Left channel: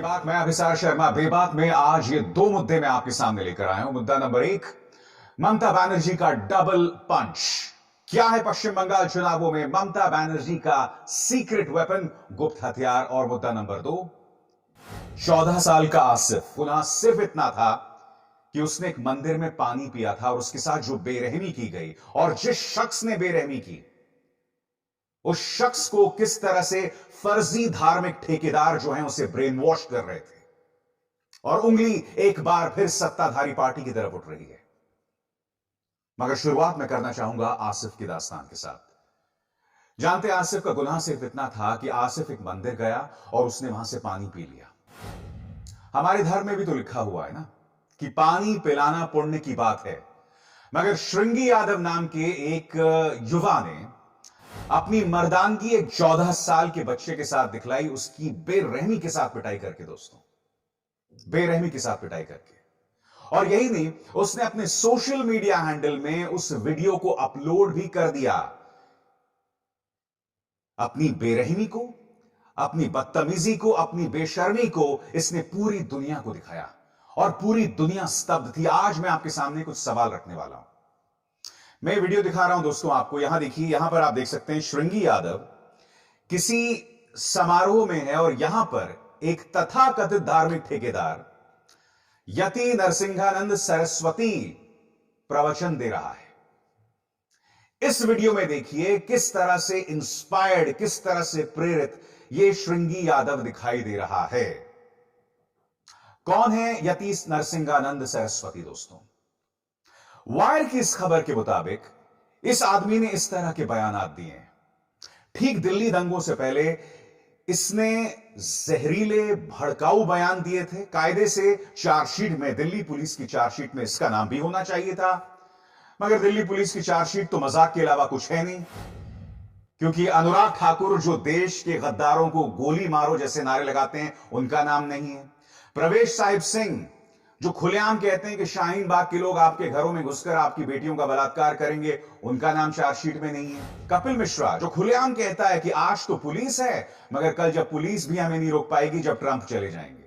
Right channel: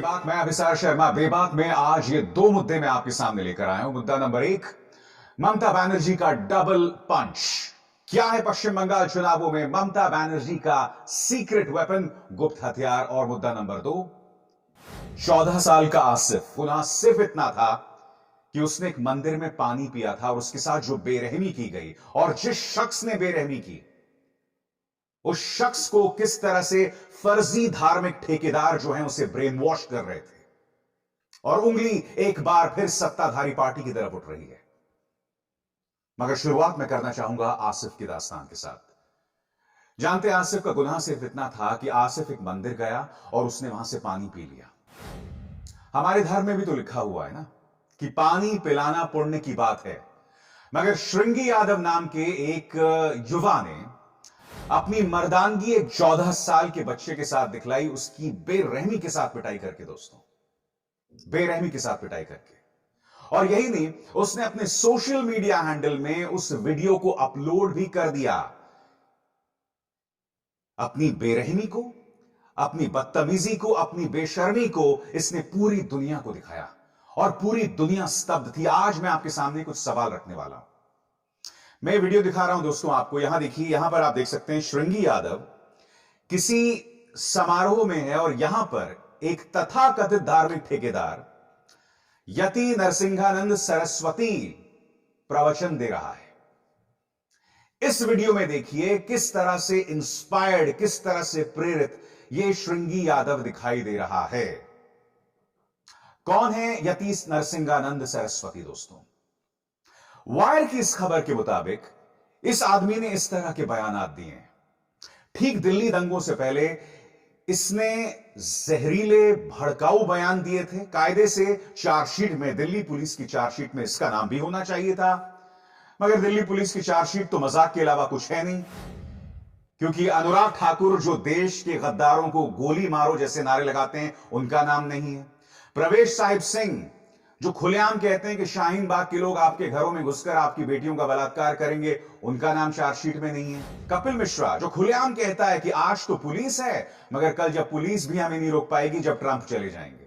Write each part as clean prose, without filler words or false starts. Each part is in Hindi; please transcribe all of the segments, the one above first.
बेबाक, मैं अभिसार शर्मा। बेबाक में आज ये दो मुद्दे मैं आपके सामने लेकर आया हूं। मुद्दा नंबर एक, ममता बनर्जी का डबल पंच। क्या है पश्चिम बंगाल चुनावों में ममता बनर्जी का सीक्रेट वेपन, गुप्त हथियार। और मुद्दा नंबर दो, 14 साल का आसिफ, गुनाह सिर्फ इतना था कि उसने एक मंदिर में पानी पिया था और उसके साथ जो बेरहमी की गई, और जिस शख्स ने बेरहमी की उस शख्स को किस तरह से फर्जी धार्मिक ठेकेदार जो हैं उसे ब्रेन वॉश कर रहे थे, और उंगली एक बार फिर सत्ताधारी पार्टी की तरफ उठ रही है। मगर शुरुआत मैं करना चाहूंगा आसिफ की दास्तान के साथ। जानते हैं, आसिफ का गुनाह सिर्फ इतना था कि आसिफ एक मंदिर गया और उसने वहां से पानी पी लिया। हमारे धर्म में भी तो लिखा हुआ है ना कि पानी पिलाना पुण्य की बात है। मगर श्रृंगी यादव नाम के एक युवा ने अपनी मर्दानगी एक 14 साल के बच्चे के साथ दिखलाई, उसकी बेरहमी के साथ पिटाई करके। दोस्तों, बेरहमी के साथ पिटाई करके। और यही नहीं, उसने अपने सोशल मीडिया हैंडल में उस वीडियो को अपलोड भी कर दिया। अपनी बेरहमी को, अपनी बदतमीजी को, अपनी बेशर्मी को इसने पूरी दुनिया को दिखाया और पूरी दुनिया स्तब्ध थी। आज मैं आपके सामने कुछ सवाल रखने वाला हूं। मैं वीडियो दिखा रहा हूं दोस्तों आपको। यहां देखिए, यहां पर आप देख सकते हैं श्रृंगी यादव किसी समारोह में है और यहां पर एक तथाकथित धार्मिक ठेकेदार यति नरसिंहानंद सरस्वती प्रवचन दे रहा है। इस वीडियो में देखिए किस तरह से इंस्पायर्ड, किस तरह से प्रेरित यह श्रृंगी यादव दिखाई दे रहा है। कौन है यति नरसिंहानंद सरस्वती? दोस्तों, वायर की इस खबर के मुताबिक इस आदमी ने इस तरह के बयानात दिए हैं। ठीक दिल्ली दंगों से पहले इसने जहरीले भड़काऊ बयान दिए थे। कायदे से चार्जशीट में, दिल्ली पुलिस की चार्जशीट में इसका नाम भी होना चाहिए था, मगर दिल्ली पुलिस की चार्जशीट तो मजाक के अलावा कुछ है नहीं, क्योंकि अनुराग ठाकुर जो देश के गद्दारों को गोली मारो जैसे नारे लगाते हैं, उनका नाम नहीं है। प्रवेश साहिब सिंह जो खुलेआम कहते हैं कि शाहीन बाग के लोग आपके घरों में घुसकर आपकी बेटियों का बलात्कार करेंगे, उनका नाम चार्जशीट में नहीं है। कपिल मिश्रा जो खुलेआम कहता है कि आज तो पुलिस है, मगर कल जब पुलिस भी हमें नहीं रोक पाएगी जब ट्रंप चले जाएंगे।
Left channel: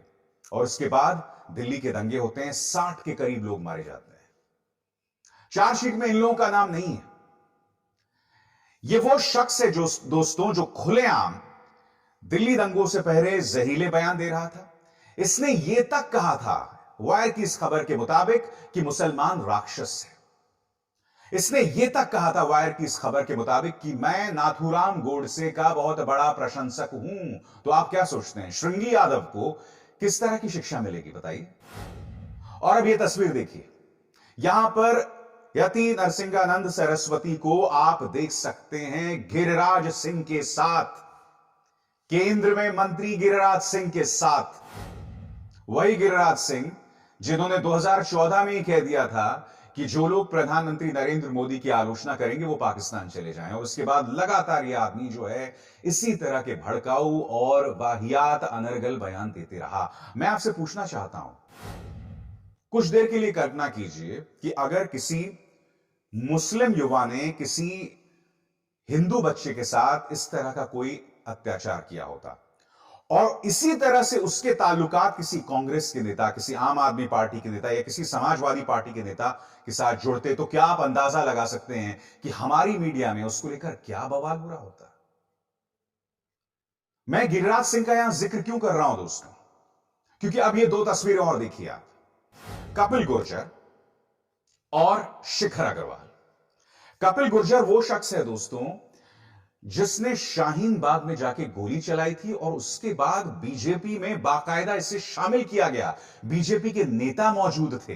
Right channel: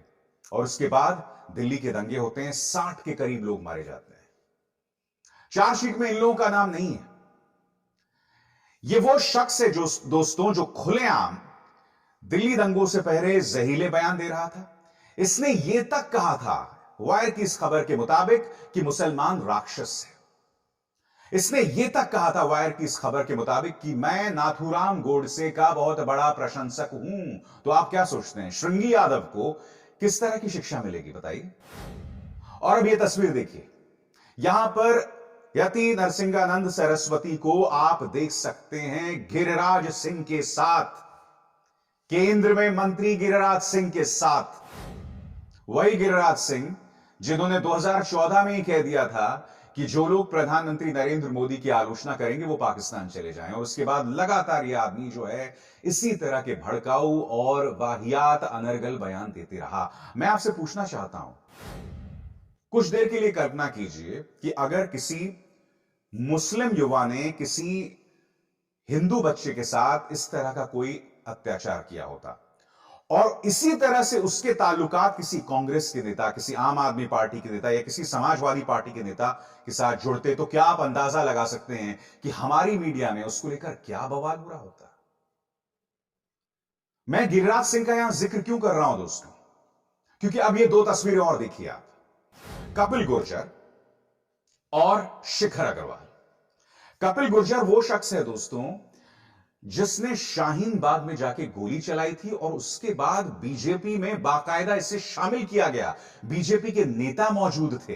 और उसके बाद दिल्ली के दंगे होते हैं, 60 के करीब लोग मारे जाते हैं। चार्जशीट में इन लोगों का नाम नहीं है। यह वो शख्स है जो दोस्तों, जो खुलेआम दिल्ली दंगों से पहले जहरीले बयान दे रहा था। इसने यह तक कहा था, वायर की इस खबर के मुताबिक, कि मुसलमान राक्षस है। इसने यह तक कहा था वायर की इस खबर के मुताबिक कि मैं नाथूराम गोडसे का बहुत बड़ा प्रशंसक हूं। तो आप क्या सोचते हैं, श्रृंगी यादव को किस तरह की शिक्षा मिलेगी, बताइए। और अब यह तस्वीर देखिए, यहां पर यति नरसिंहानंद सरस्वती को आप देख सकते हैं गिरिराज सिंह के साथ, केंद्र में मंत्री गिरिराज सिंह के साथ। वही गिरिराज सिंह जिन्होंने 2014 में ही कह दिया था कि जो लोग प्रधानमंत्री नरेंद्र मोदी की आलोचना करेंगे वो पाकिस्तान चले जाएं, और उसके बाद लगातार यह आदमी जो है इसी तरह के भड़काऊ और वाहियात अनर्गल बयान देते रहा। मैं आपसे पूछना चाहता हूं, कुछ देर के लिए कल्पना कीजिए कि अगर किसी मुस्लिम युवा ने किसी हिंदू बच्चे के साथ इस तरह का कोई अत्याचार किया होता और इसी तरह से उसके ताल्लुकात किसी कांग्रेस के नेता, किसी आम आदमी पार्टी के नेता या किसी समाजवादी पार्टी के नेता के साथ जुड़ते, तो क्या आप अंदाजा लगा सकते हैं कि हमारी मीडिया में उसको लेकर क्या बवाल हो रहा होता। मैं गिरिराज सिंह का यहां जिक्र क्यों कर रहा हूं दोस्तों, क्योंकि अब ये दो तस्वीरें और देखिए आप, कपिल गुर्जर और शिखर अग्रवाल। कपिल गुर्जर वो शख्स है दोस्तों जिसने शाहीन बाग में जाके गोली चलाई थी और उसके बाद बीजेपी में बाकायदा इसे शामिल किया गया। बीजेपी के नेता मौजूद थे,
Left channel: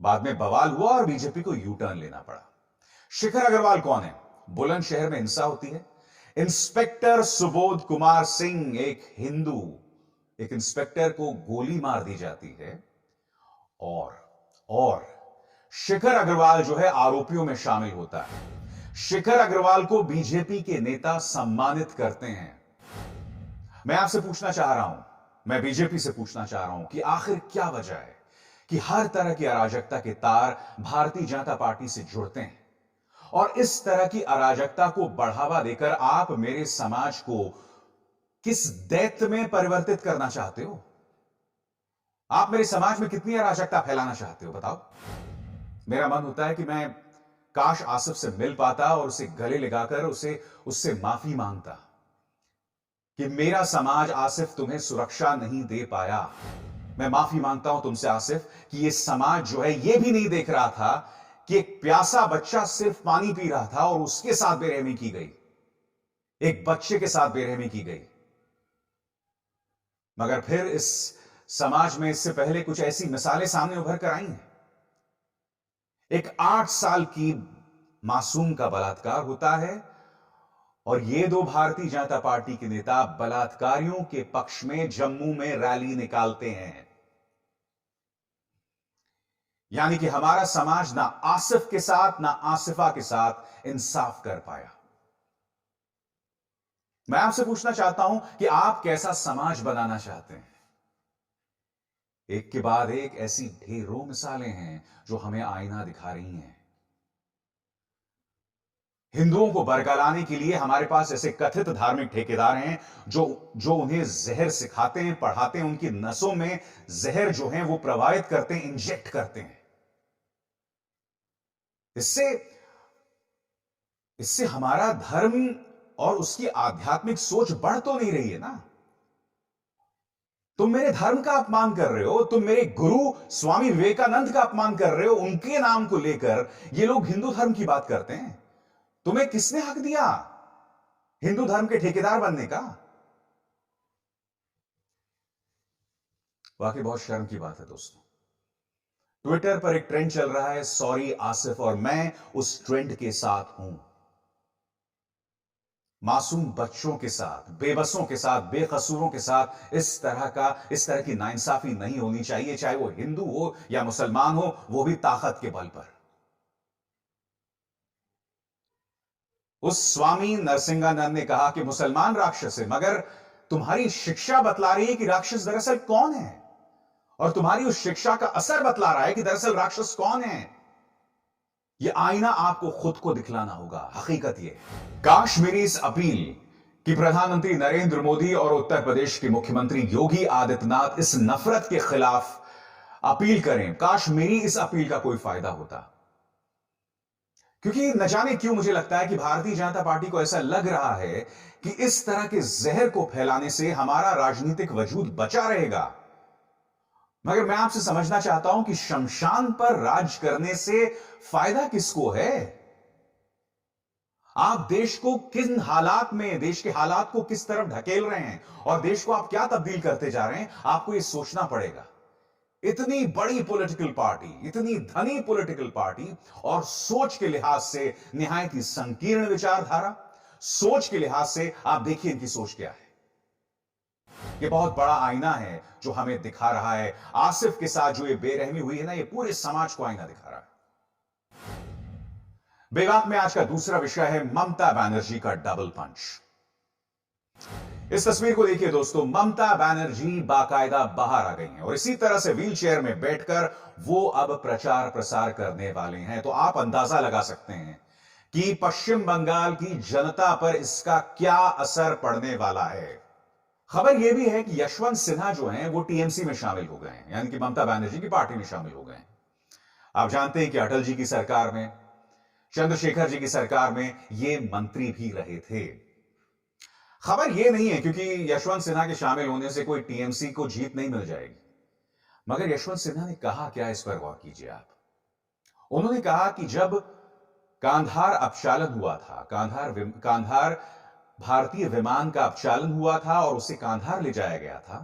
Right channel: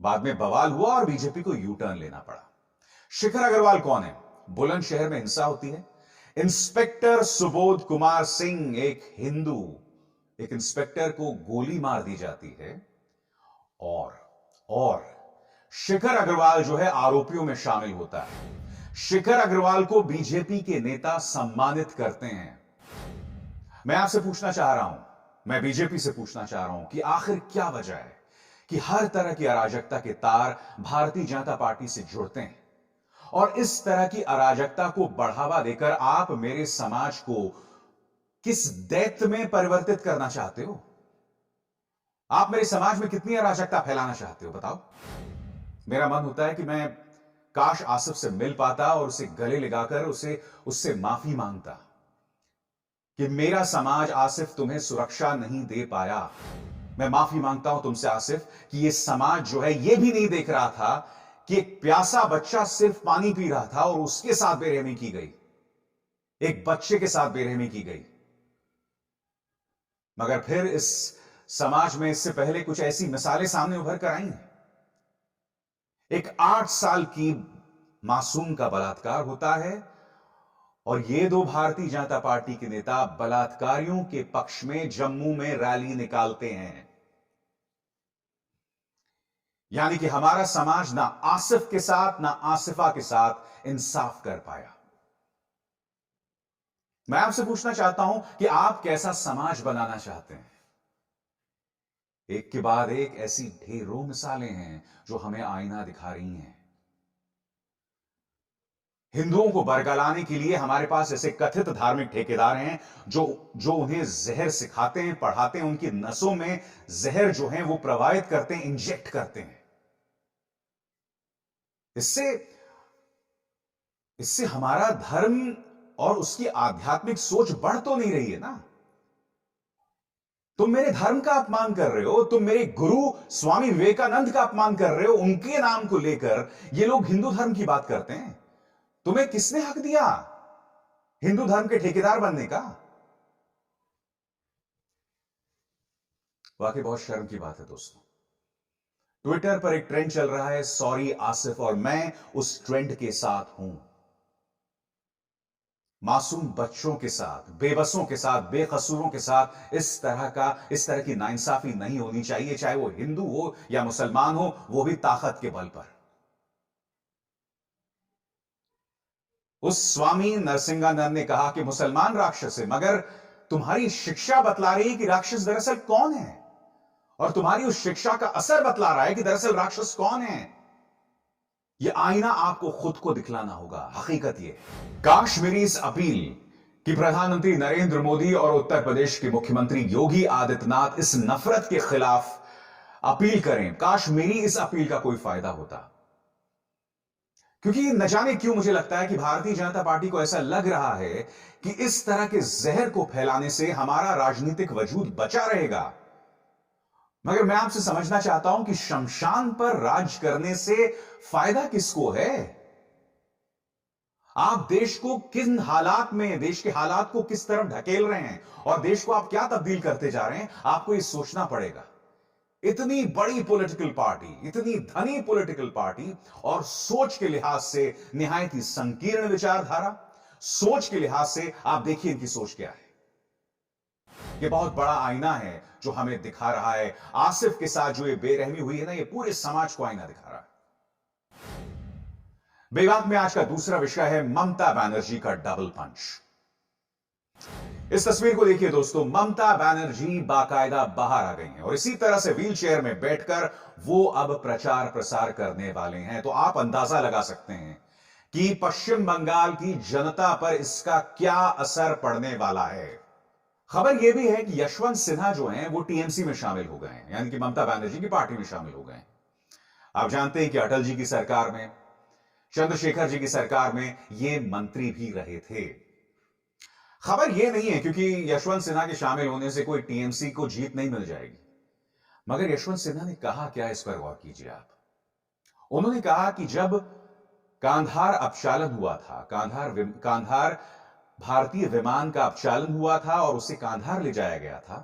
बाद में बवाल हुआ और बीजेपी को यू टर्न लेना पड़ा। शिखर अग्रवाल कौन है? बुलंदशहर में हिंसा होती है, इंस्पेक्टर सुबोध कुमार सिंह, एक हिंदू, एक इंस्पेक्टर को गोली मार दी जाती है और शिखर अग्रवाल जो है आरोपियों में शामिल होता है। शिखर अग्रवाल को बीजेपी के नेता सम्मानित करते हैं। मैं आपसे पूछना चाह रहा हूं, मैं बीजेपी से पूछना चाह रहा हूं कि आखिर क्या वजह है कि हर तरह की अराजकता के तार भारतीय जनता पार्टी से जुड़ते हैं, और इस तरह की अराजकता को बढ़ावा देकर आप मेरे समाज को किस दैत्य में परिवर्तित करना चाहते हो? आप मेरे समाज में कितनी अराजकता फैलाना चाहते हो बताओ। मेरा मन होता है कि मैं काश आसिफ से मिल पाता और उसे गले लगाकर उससे माफी मांगता कि मेरा समाज आसिफ तुम्हें सुरक्षा नहीं दे पाया। मैं माफी मांगता हूं तुमसे आसिफ कि यह समाज जो है यह भी नहीं देख रहा था कि एक प्यासा बच्चा सिर्फ पानी पी रहा था और उसके साथ बेरहमी की गई, एक बच्चे के साथ बेरहमी की गई। मगर फिर इस समाज में इससे पहले कुछ ऐसी मिसालें सामने उभर कर आई हैं। एक 8 साल की मासूम का बलात्कार होता है और ये दो भारतीय जनता पार्टी के नेता बलात्कारियों के पक्ष में जम्मू में रैली निकालते हैं। यानी कि हमारा समाज ना आसिफ के साथ ना आसिफा के साथ इंसाफ कर पाया। मैं आपसे पूछना चाहता हूं कि आप कैसा समाज बनाना चाहते हैं। एक के बाद एक ऐसी ढेरों मिसालें हैं जो हमें आईना दिखा रही हैं। हिंदुओं को बरगलाने के लिए हमारे पास ऐसे कथित धार्मिक ठेकेदार हैं जो उन्हें जहर सिखाते हैं, पढ़ाते हैं, उनकी नसों में जहर जो है वो प्रवाहित करते हैं, इंजेक्ट करते हैं। इससे हमारा धर्म और उसकी आध्यात्मिक सोच बढ़ तो नहीं रही है ना। तुम मेरे धर्म का अपमान कर रहे हो, तुम मेरे गुरु स्वामी विवेकानंद का अपमान कर रहे हो। उनके नाम को लेकर ये लोग हिंदू धर्म की बात करते हैं। तुम्हें किसने हक दिया हिंदू धर्म के ठेकेदार बनने का? वाकई बहुत शर्म की बात है दोस्तों। ट्विटर पर एक ट्रेंड चल रहा है, सॉरी आसिफ, और मैं उस ट्रेंड के साथ हूं। मासूम बच्चों के साथ, बेबसों के साथ, बेकसूरों के साथ इस तरह की नाइंसाफी नहीं होनी चाहिए, चाहे वो हिंदू हो या मुसलमान हो, वो भी ताकत के बल पर। उस स्वामी नरसिंहानंद ने कहा कि मुसलमान राक्षस है, मगर तुम्हारी शिक्षा बतला रही है कि राक्षस दरअसल कौन है, और तुम्हारी उस शिक्षा का असर बतला रहा है कि दरअसल राक्षस कौन है। यह आईना आपको खुद को दिखलाना होगा। हकीकत यह है, काश मेरी इस अपील कि प्रधानमंत्री नरेंद्र मोदी और उत्तर प्रदेश के मुख्यमंत्री योगी आदित्यनाथ इस नफरत के खिलाफ अपील करें, काश मेरी इस अपील का कोई फायदा होता। क्योंकि न जाने क्यों मुझे लगता है कि भारतीय जनता पार्टी को ऐसा लग रहा है कि इस तरह के जहर को फैलाने से हमारा राजनीतिक वजूद बचा रहेगा। मगर मैं आपसे समझना चाहता हूं कि शमशान पर राज करने से फायदा किसको है? आप देश को किन हालात में, देश के हालात को किस तरफ ढकेल रहे हैं और देश को आप क्या तब्दील करते जा रहे हैं, आपको यह सोचना पड़ेगा। इतनी बड़ी पॉलिटिकल पार्टी, इतनी धनी पॉलिटिकल पार्टी, और सोच के लिहाज से निहायत ही संकीर्ण विचारधारा, सोच के लिहाज से आप देखिए इनकी सोच क्या है। यह बहुत बड़ा आईना है जो हमें दिखा रहा है। आसिफ के साथ जो ये बेरहमी हुई है ना, ये पूरे समाज को आईना दिखा रहा है। बेबाक में आज का दूसरा विषय है ममता बनर्जी का डबल पंच। इस तस्वीर को देखिए दोस्तों, ममता बनर्जी बाकायदा बाहर आ गई हैं और इसी तरह से व्हील चेयर में बैठकर वो अब प्रचार प्रसार करने वाले हैं। तो आप अंदाजा लगा सकते हैं कि पश्चिम बंगाल की जनता पर इसका क्या असर पड़ने वाला है। खबर यह भी है कि यशवंत सिन्हा जो हैं वो टीएमसी में शामिल हो गए हैं, यानी कि ममता बनर्जी की पार्टी में शामिल हो गए हैं। आप जानते हैं कि अटल जी की सरकार में, चंद्रशेखर जी की सरकार में ये मंत्री भी रहे थे। खबर यह नहीं है क्योंकि यशवंत सिन्हा के शामिल होने से कोई टीएमसी को जीत नहीं मिल जाएगी। मगर यशवंत सिन्हा ने कहा क्या, इस पर गौर कीजिए आप। उन्होंने कहा कि जब कांधार अपचालन हुआ था, कांधार भारतीय विमान का अपचालन हुआ था और उसे कांधार ले जाया गया था,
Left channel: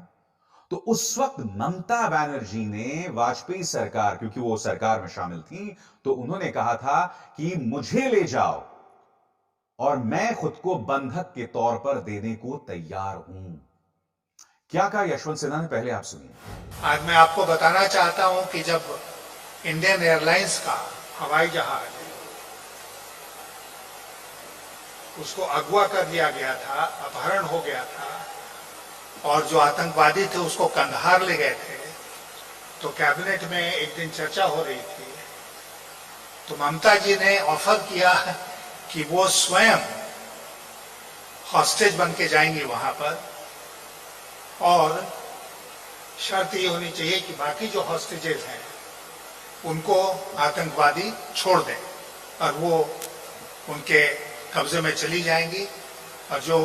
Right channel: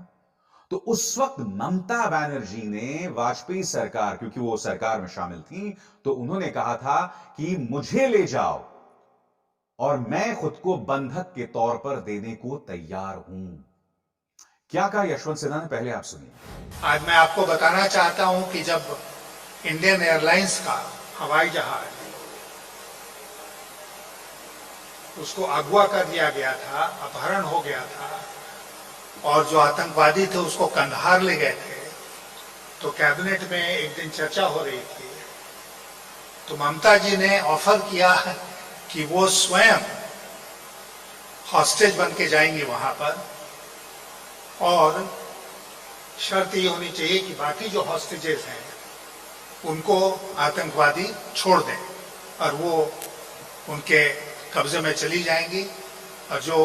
तो उस वक्त ममता बनर्जी ने वाजपेयी सरकार, क्योंकि वो सरकार में शामिल थी, तो उन्होंने कहा था कि मुझे ले जाओ और मैं खुद को बंधक के तौर पर देने को तैयार हूं। क्या कहा यशवंत सिन्हा ने, पहले आप सुनिए। आज मैं आपको बताना चाहता हूं कि जब इंडियन एयरलाइंस का हवाई जहाज उसको अगवा कर लिया गया था, अपहरण हो गया था और जो आतंकवादी थे उसको कंधार ले गए थे, तो कैबिनेट में एक दिन चर्चा हो रही थी, तो ममता जी ने ऑफर किया कि वो स्वयं हॉस्टेज बन के जाएंगी वहां पर और शर्त ये होनी चाहिए कि बाकी जो हॉस्टेजेस हैं उनको आतंकवादी छोड़ दें और वो उनके कब्जे में चली जाएंगी और जो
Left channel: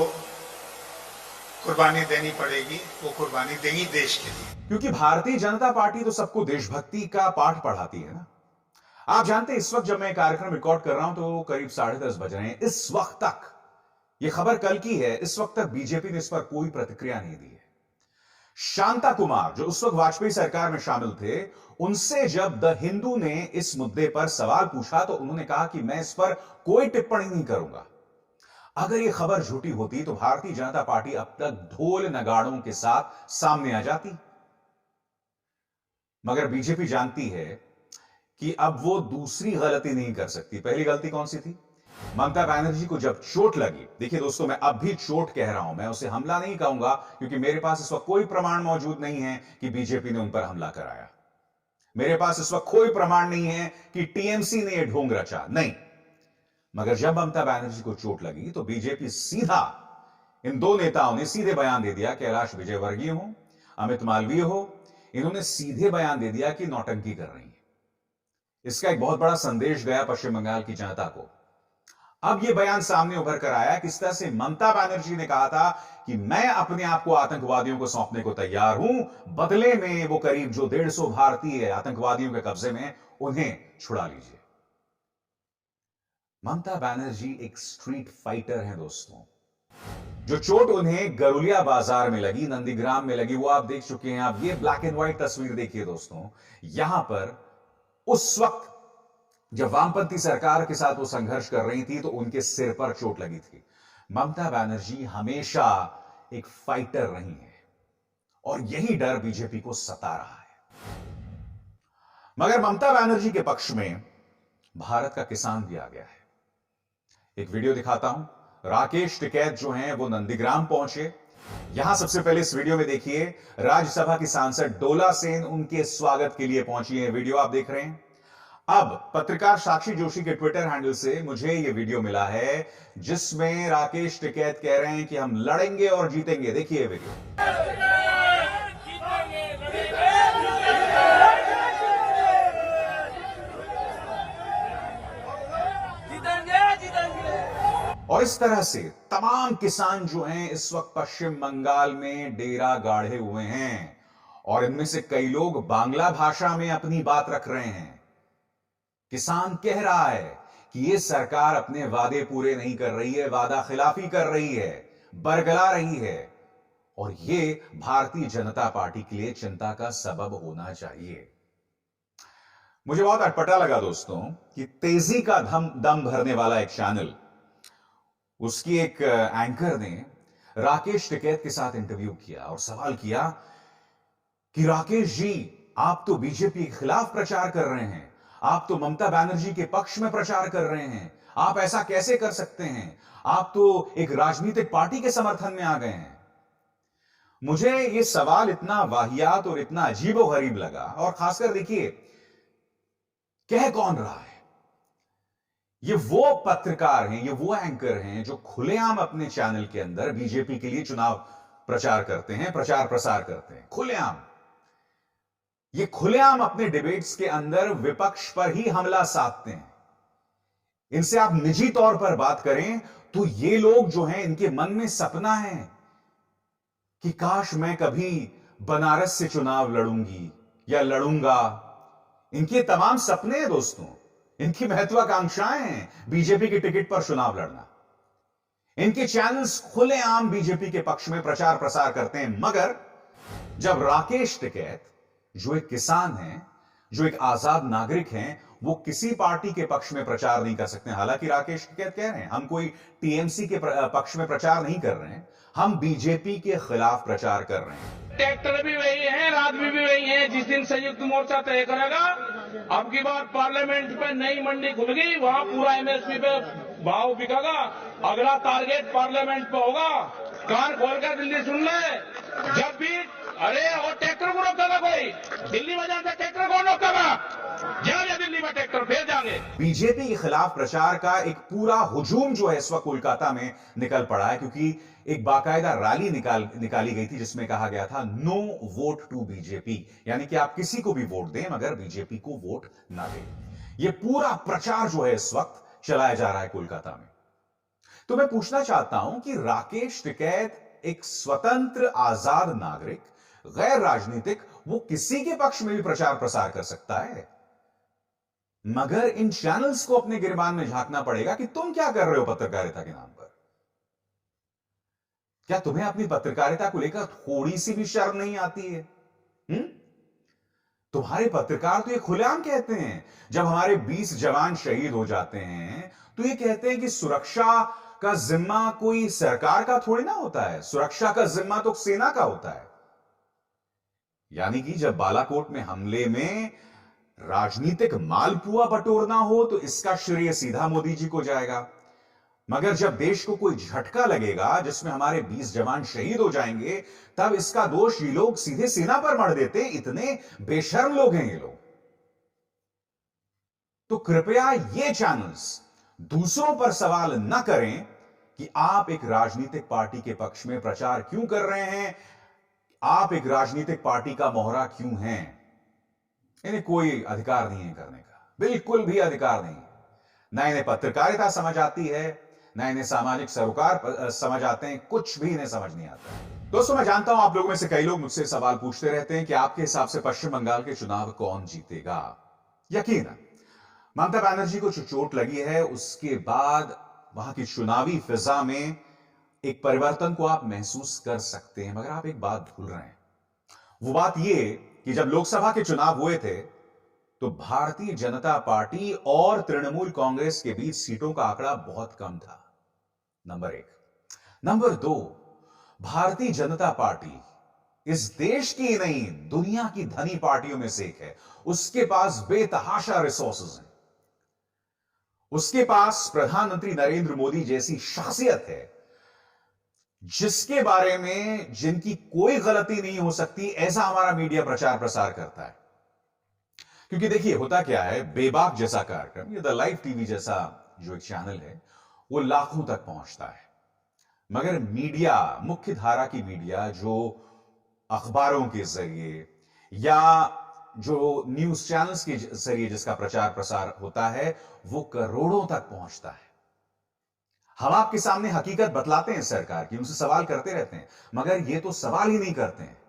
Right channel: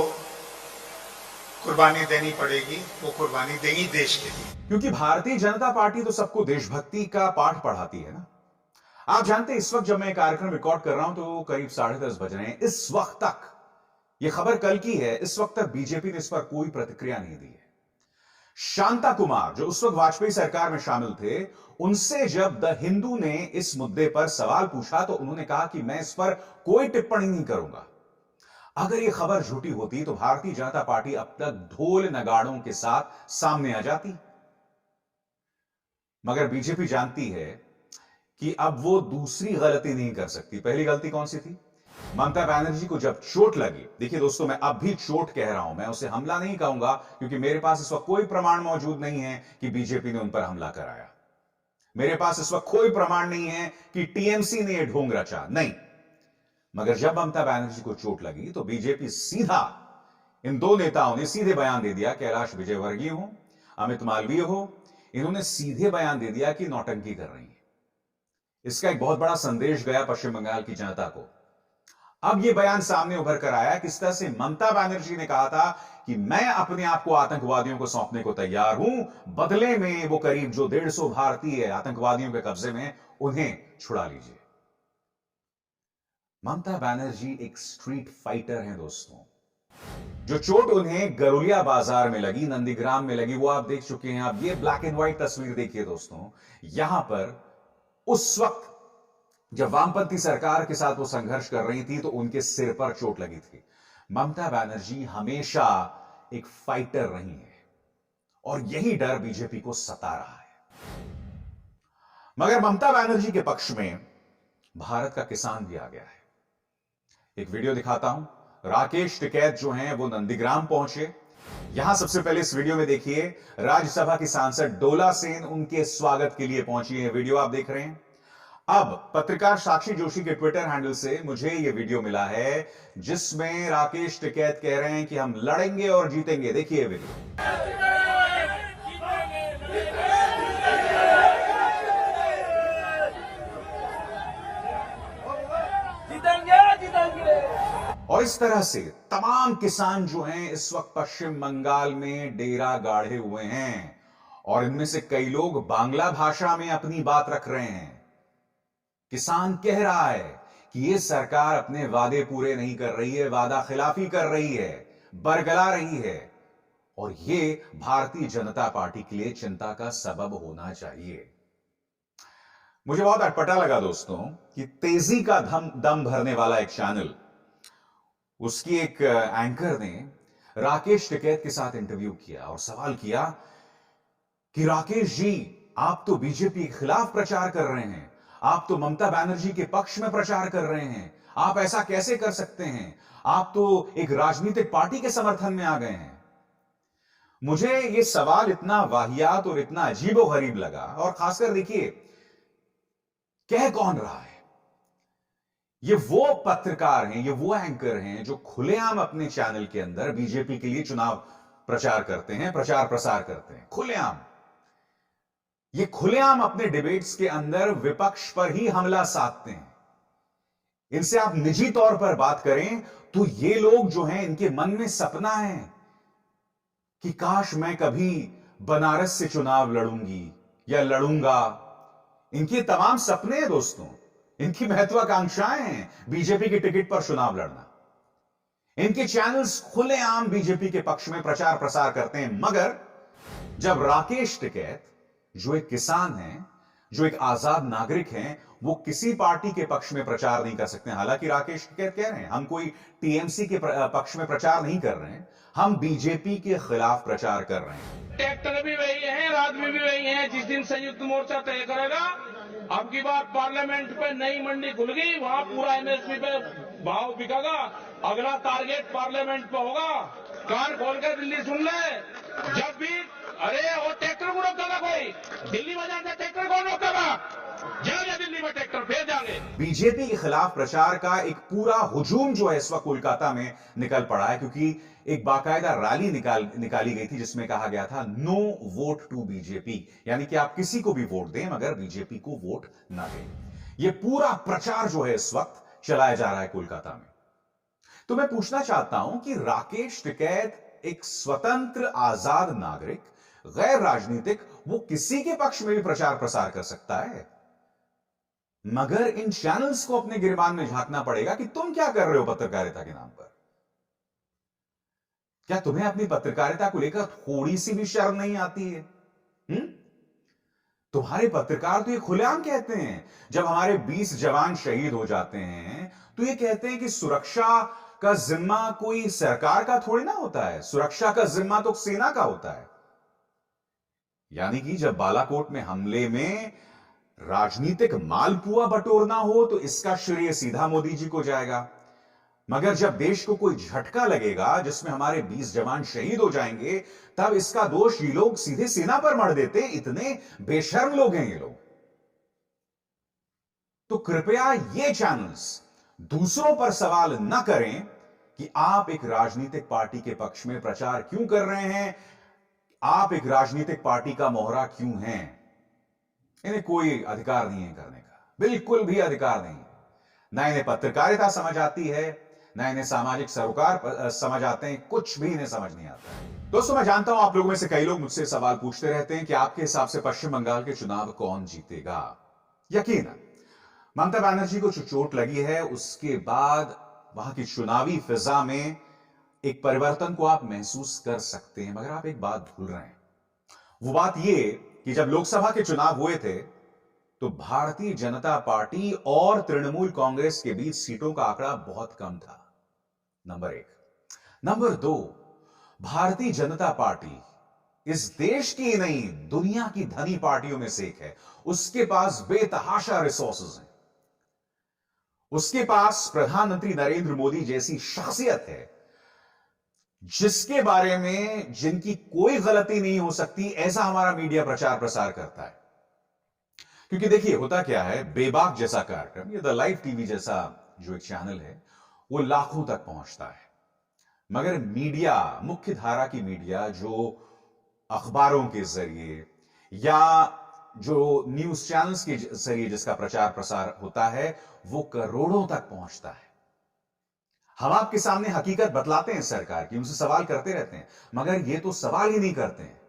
कुर्बानी देनी पड़ेगी वो कुर्बानी देंगी देश के लिए। क्योंकि भारतीय जनता पार्टी तो सबको देशभक्ति का पाठ पढ़ाती है ना। आप जानते हैं इस वक्त जब मैं कार्यक्रम रिकॉर्ड कर रहा हूं तो करीब 10:30 बज रहे हैं। इस वक्त तक, यह खबर कल की है, इस वक्त तक बीजेपी ने इस पर कोई प्रतिक्रिया नहीं दी है। शांता कुमार जो उस वक्त वाजपेयी सरकार में शामिल थे, उनसे जब द हिंदू ने इस मुद्दे पर सवाल पूछा तो उन्होंने कहा कि मैं इस पर कोई टिप्पणी नहीं करूंगा। अगर यह खबर झूठी होती तो भारतीय जनता पार्टी अब तक ढोल नगाड़ों के साथ सामने आ जाती। मगर बीजेपी जानती है कि अब वो दूसरी गलती नहीं कर सकती। पहली गलती कौन सी थी? ममता बनर्जी को जब चोट लगी, देखिए दोस्तों, मैं अब भी चोट कह रहा हूं, मैं उसे हमला नहीं कहूंगा क्योंकि मेरे पास इस वक्त कोई प्रमाण मौजूद नहीं है कि बीजेपी ने उन पर हमला कराया। मेरे पास इस वक्त कोई प्रमाण नहीं है कि टीएमसी ने यह ढोंग रचा, नहीं। मगर जब ममता बनर्जी को चोट लगी तो बीजेपी सीधा, इन दो नेताओं ने सीधे बयान दे दिया, कैलाश विजयवर्गीय हो, अमित मालवीय हो, इन्होंने सीधे बयान दे दिया कि नौटंकी कर रही है। इसका एक बहुत बड़ा संदेश गया पश्चिम बंगाल की जनता को। अब यह बयान सामने उभर कर आया किस तरह से ममता बनर्जी ने कहा था कि मैं अपने आप को आतंकवादियों को सौंपने को तैयार हूं, बदले में वो करीब जो 150 भारतीय आतंकवादियों के कब्जे में, उन्हें छुड़ा लीजिए। ममता बनर्जी एक स्ट्रीट फाइटर हैं दोस्तों। जो चोट उन्हें गरुलिया बाजार में लगी, नंदीग्राम में लगी, वो आप देख चुके हैं। आप ये ब्लैक एंड व्हाइट तस्वीर देखिए दोस्तों। यहां पर उस वक्त जब वामपंथी सरकार के साथ वो संघर्ष कर रही थी तो उनके सिर पर चोट लगी थी। ममता बनर्जी हमेशा एक फाइटर रही है और यही डर बीजेपी को सता रहा है। मगर ममता बनर्जी के पक्ष में भारत का किसान भी आ गया है। एक वीडियो दिखाता हूं। राकेश टिकैत जो हैं वो नंदीग्राम पहुंचे। यहां सबसे पहले इस वीडियो में देखिए, राज्यसभा की सांसद डोला सेन उनके स्वागत के लिए पहुंची है। वीडियो आप देख रहे हैं। अब पत्रकार साक्षी जोशी के ट्विटर हैंडल से मुझे यह वीडियो मिला है जिसमें राकेश टिकैत कह रहे हैं कि हम लड़ेंगे और जीतेंगे। देखिए वीडियो। और इस तरह से तमाम किसान जो हैं इस वक्त पश्चिम बंगाल में डेरा गाढ़े हुए हैं और इनमें से कई लोग बांग्ला भाषा में अपनी बात रख रहे हैं। किसान कह रहा है कि यह सरकार अपने वादे पूरे नहीं कर रही है, वादा खिलाफी कर रही है, बरगला रही है और यह भारतीय जनता पार्टी के लिए चिंता का सबब होना चाहिए। मुझे बहुत अटपटा लगा दोस्तों कि तेजी का दम भरने वाला एक चैनल, उसकी एक एंकर ने राकेश टिकैत के साथ इंटरव्यू किया और सवाल किया कि राकेश जी, आप तो बीजेपी के खिलाफ प्रचार कर रहे हैं, आप तो ममता बनर्जी के पक्ष में प्रचार कर रहे हैं, आप ऐसा कैसे कर सकते हैं? आप तो एक राजनीतिक पार्टी के समर्थन में आ गए हैं। मुझे यह सवाल इतना वाहियात और इतना अजीबोगरीब लगा। और खासकर देखिए, कह कौन रहा है? ये वो पत्रकार हैं, ये वो एंकर हैं जो खुलेआम अपने चैनल के अंदर बीजेपी के लिए चुनाव प्रचार करते हैं, प्रचार प्रसार करते हैं, खुलेआम। ये खुलेआम अपने डिबेट्स के अंदर विपक्ष पर ही हमला साधते हैं। इनसे आप निजी तौर पर बात करें तो ये लोग जो हैं, इनके मन में सपना है कि काश मैं कभी बनारस से चुनाव लड़ूंगी या लड़ूंगा। इनके तमाम सपने हैं दोस्तों, इनकी महत्वाकांक्षाएं हैं बीजेपी के टिकट पर चुनाव लड़ना। इनके चैनल्स खुलेआम बीजेपी के पक्ष में प्रचार प्रसार करते हैं। मगर जब राकेश टिकैत जो एक किसान हैं, जो एक आजाद नागरिक हैं, वो किसी पार्टी के पक्ष में प्रचार नहीं कर सकते। हालांकि राकेश टिकैत कह रहे हैं हम कोई टीएमसी के पक्ष में प्रचार नहीं कर रहे हैं, हम बीजेपी के खिलाफ प्रचार कर रहे हैं। ट्रैक्टर भी वही है, आदमी भी वही है। जिस दिन संयुक्त मोर्चा तय करेगा, अब की बार पार्लियामेंट पे नई मंडी खुल गई, वहां पूरा एमएसपी पे भाव बिकेगा। अगला टारगेट पार्लियामेंट पे होगा। कान खोल कर दिल्ली सुन ले। जब भी अरे और ट्रैक्टर को रोका था कोई, दिल्ली बाजार से ट्रैक्टर कौन रोका था? जाओगे दिल्ली में ट्रैक्टर, फिर जाएंगे। बीजेपी के खिलाफ प्रचार का एक पूरा हुजूम जो है इस वक्त कोलकाता में निकल पड़ा है, क्योंकि एक बाकायदा रैली निकाली गई थी जिसमें कहा गया था नो वोट टू बीजेपी, यानी कि आप किसी को भी वोट दें मगर बीजेपी को वोट ना दें। यह पूरा प्रचार जो है इस वक्त चलाया जा रहा है कोलकाता में। तो मैं पूछना चाहता हूं कि राकेश टिकैत एक स्वतंत्र आजाद नागरिक, गैर राजनीतिक, वो किसी के पक्ष में भी प्रचार प्रसार कर सकता है, मगर इन चैनल्स को अपने गिरबान में झांकना पड़ेगा कि तुम क्या कर रहे हो पत्रकारिता के नाम पर। क्या तुम्हें अपनी पत्रकारिता को लेकर थोड़ी सी भी शर्म नहीं आती है? तुम्हारे पत्रकार तो ये खुलेआम कहते हैं, जब हमारे 20 जवान शहीद हो जाते हैं तो ये कहते हैं कि सुरक्षा का जिम्मा कोई सरकार का थोड़ी ना होता है, सुरक्षा का जिम्मा तो सेना का होता है। यानी कि जब बालाकोट में हमले में राजनीतिक मालपुआ बटोरना हो तो इसका श्रेय सीधा मोदी जी को जाएगा, मगर जब देश को कोई झटका लगेगा जिसमें हमारे 20 जवान शहीद हो जाएंगे, तब इसका दोष ये लोग सीधे सेना पर मढ़ देते हैं। इतने बेशर्म लोग हैं ये लोग। तो कृपया ये चैनल्स दूसरों पर सवाल न करें कि आप एक राजनीतिक पार्टी के पक्ष में प्रचार क्यों कर रहे हैं, आप एक राजनीतिक पार्टी का मोहरा क्यों हैं। इन्हें कोई अधिकार नहीं है करने का, बिल्कुल भी अधिकार नहीं। ना इन्हें पत्रकारिता समझ आती है, ना इन्हें सामाजिक सरोकार समझ आते हैं, कुछ भी इन्हें समझ नहीं आता है। दोस्तों, मैं जानता हूं आप लोगों में से कई लोग मुझसे सवाल पूछते रहते हैं कि आपके हिसाब से पश्चिम बंगाल के चुनाव कौन जीतेगा। यकीनन ममता बनर्जी को जो चोट लगी है उसके बाद वहां की चुनावी फिजा में एक परिवर्तन को आप महसूस कर सकते हैं, मगर आप एक बात भूल रहे हैं। वो बात यह कि जब लोकसभा के चुनाव हुए थे तो भारतीय जनता पार्टी और तृणमूल कांग्रेस के बीच सीटों का आंकड़ा बहुत कम था, number 1। Number 2, Bharatiya Janata party इस देश की नहीं दुनिया की धनी पार्टियों में से एक है। उसके पास बेतहाशा रिसोर्सेज हैं, उसके पास प्रधानमंत्री नरेंद्र मोदी जैसी शख्सियत है जिसके बारे में जिनकी कोई गलती नहीं हो सकती, ऐसा हमारा मीडिया प्रचार प्रसार करता है। क्योंकि देखिए होता क्या है, बेबाक जैसा कार्यक्रम, ये द लाइव टीवी जैसा जो एक चैनल है वो लाखों तक पहुंचता है, मगर मीडिया, मुख्य धारा की मीडिया जो अखबारों के जरिए या जो न्यूज चैनल्स के जरिए जिसका प्रचार प्रसार होता है, वो करोड़ों तक पहुंचता है। हम आपके सामने हकीकत बतलाते हैं सरकार की, उनसे सवाल करते रहते हैं, मगर ये तो सवाल ही नहीं करते हैं।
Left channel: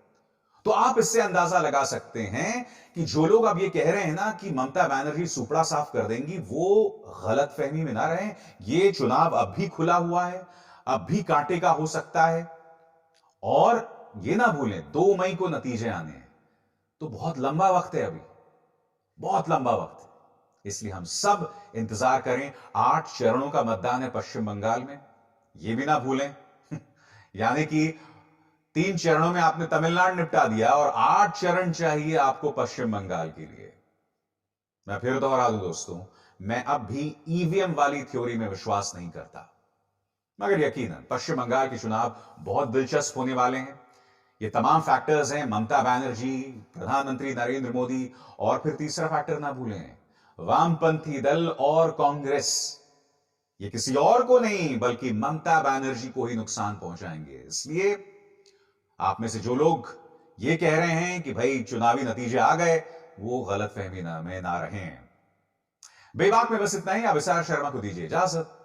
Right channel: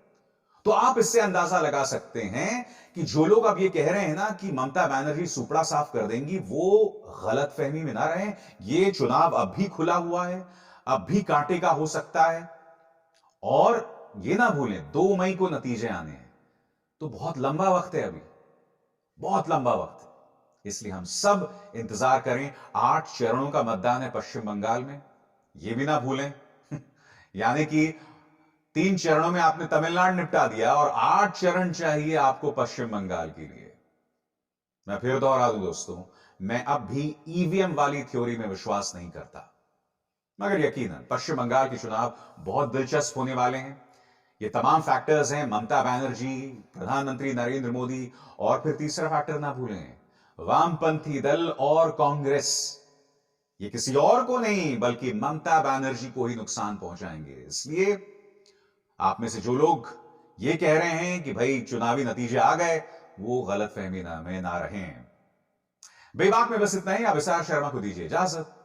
तो आप इससे अंदाजा लगा सकते हैं कि जो लोग अब ये कह रहे हैं ना कि ममता बनर्जी सुपड़ा साफ कर देंगी, वो गलत फहमी में ना रहें। ये चुनाव अब भी खुला हुआ है, अब भी कांटे का हो सकता है, और ये ना भूलें 2 मई को नतीजे आने हैं, तो बहुत लंबा वक्त है, अभी बहुत लंबा वक्त है। इसलिए हम सब इंतजार करें। 8 चरणों का मतदान है पश्चिम बंगाल में, यह भी ना भूलें। यानी कि 3 चरणों में आपने तमिलनाडु निपटा दिया और 8 चरण चाहिए आपको पश्चिम बंगाल के लिए। मैं फिर दोहरा दूं दोस्तों, मैं अब भी ईवीएम वाली थ्योरी में विश्वास नहीं करता, मगर यकीनन पश्चिम बंगाल के चुनाव बहुत दिलचस्प होने वाले हैं। ये तमाम फैक्टर्स हैं, ममता बनर्जी, प्रधानमंत्री नरेंद्र मोदी, और फिर तीसरा फैक्टर ना भूलें, वामपंथी दल और कांग्रेस। ये किसी और को नहीं बल्कि ममता बनर्जी को ही नुकसान पहुंचाएंगे। इसलिए आप में से जो लोग ये कह रहे हैं कि भाई चुनावी नतीजे आ गए, वो गलतफहमी में ना रहें। बेबाक में बस इतना ही। अब विशाल शर्मा को दीजिए इजाजत।